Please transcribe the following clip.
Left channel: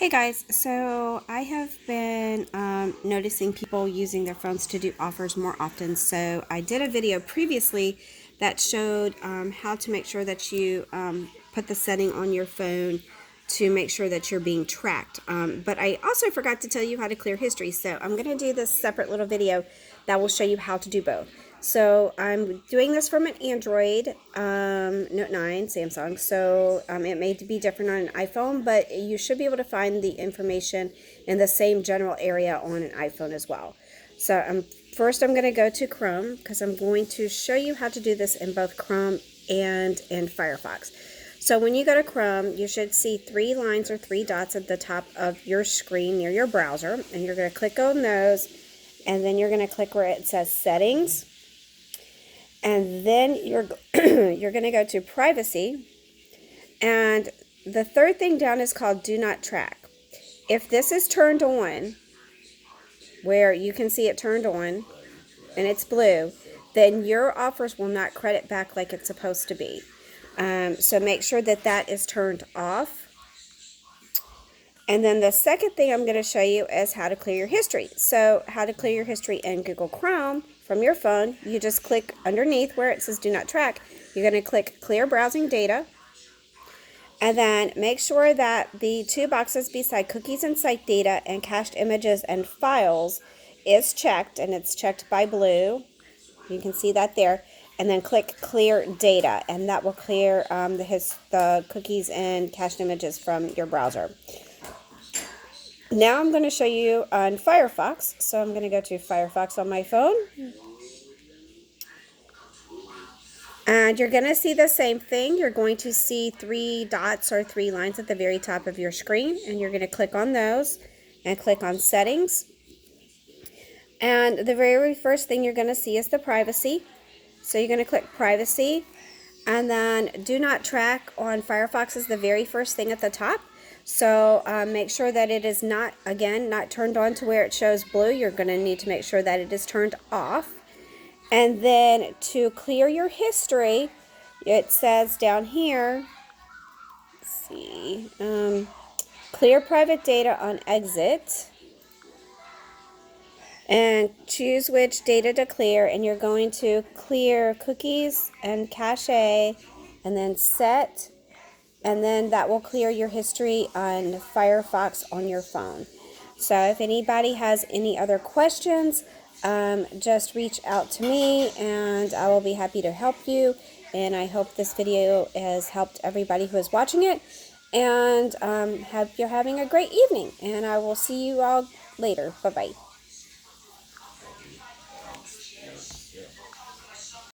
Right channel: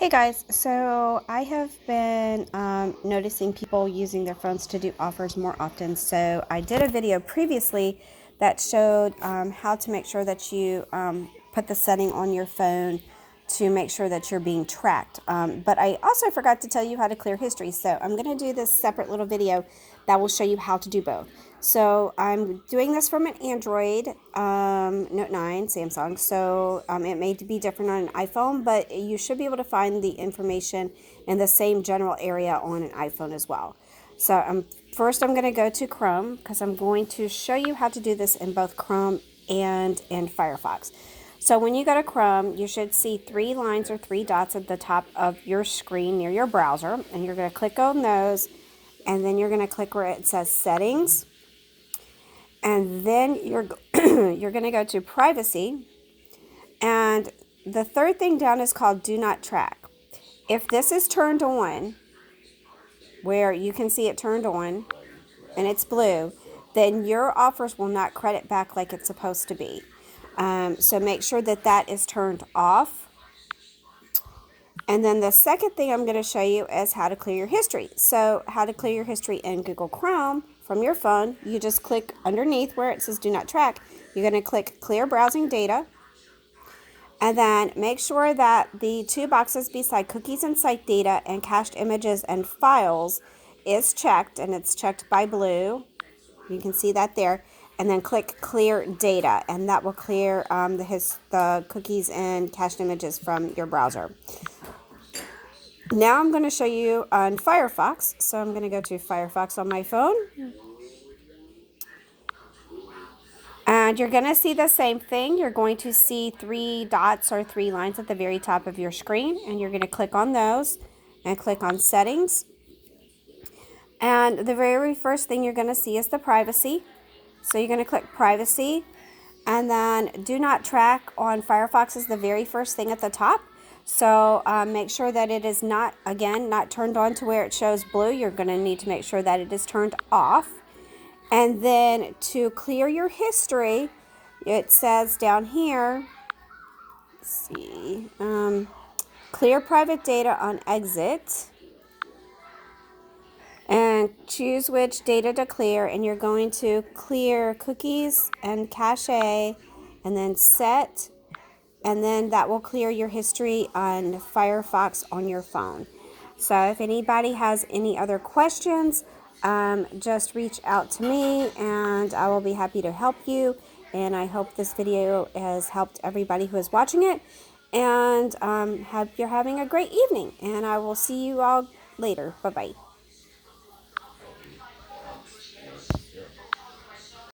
Hey guys, so I have been noticing people using their phones to do offers more often. So I did a video previously that showed how to make sure that you put the setting on your phone to make sure that you're being tracked. But I also forgot to tell you how to clear history. So I'm going to do this separate little video that will show you how to do both. So I'm doing this from an Android Note 9 Samsung, so it may be different on an iPhone, but you should be able to find the information in the same general area on an iPhone as well. So first I'm going to go to Chrome because I'm going to show you how to do this in both Chrome and in Firefox. So when you go to Chrome, you should see three lines or three dots at the top of your screen near your browser, and you're going to click on those, and then you're going to click where it says Settings. And then you're going to go to Privacy, and the third thing down is called Do Not Track. If this is turned on, where you can see it turned on, and it's blue, then your offers will not credit back like it's supposed to be. So make sure that that is turned off. And then the second thing I'm going to show you is how to clear your history. So how to clear your history in Google Chrome from your phone, you just click underneath where it says Do Not Track. You're going to click Clear Browsing Data. And then make sure that the two boxes beside Cookies and Site Data and Cached Images and Files is checked, and it's checked by blue. You can see that there. And then click Clear Data, and that will clear the cookies and cached images from your browser. Now I'm going to show you on Firefox. So I'm going to go to Firefox on my phone. And you're going to see the same thing. You're going to see three dots or three lines at the very top of your screen. And you're going to click on those and click on Settings. And the very first thing you're going to see is the Privacy. So you're going to click Privacy. And then Do Not Track on Firefox is the very first thing at the top. So make sure that it is not turned on to where it shows blue. You're going to need to make sure that it is turned off. And then to clear your history, it says down here, let's see, clear private data on exit. And choose which data to clear. And you're going to clear cookies and cache, and then set. And then that will clear your history on Firefox on your phone. So if anybody has any other questions, just reach out to me and I will be happy to help you. And I hope this video has helped everybody who is watching it. And hope you're having a great evening. And I will see you all later. Bye-bye.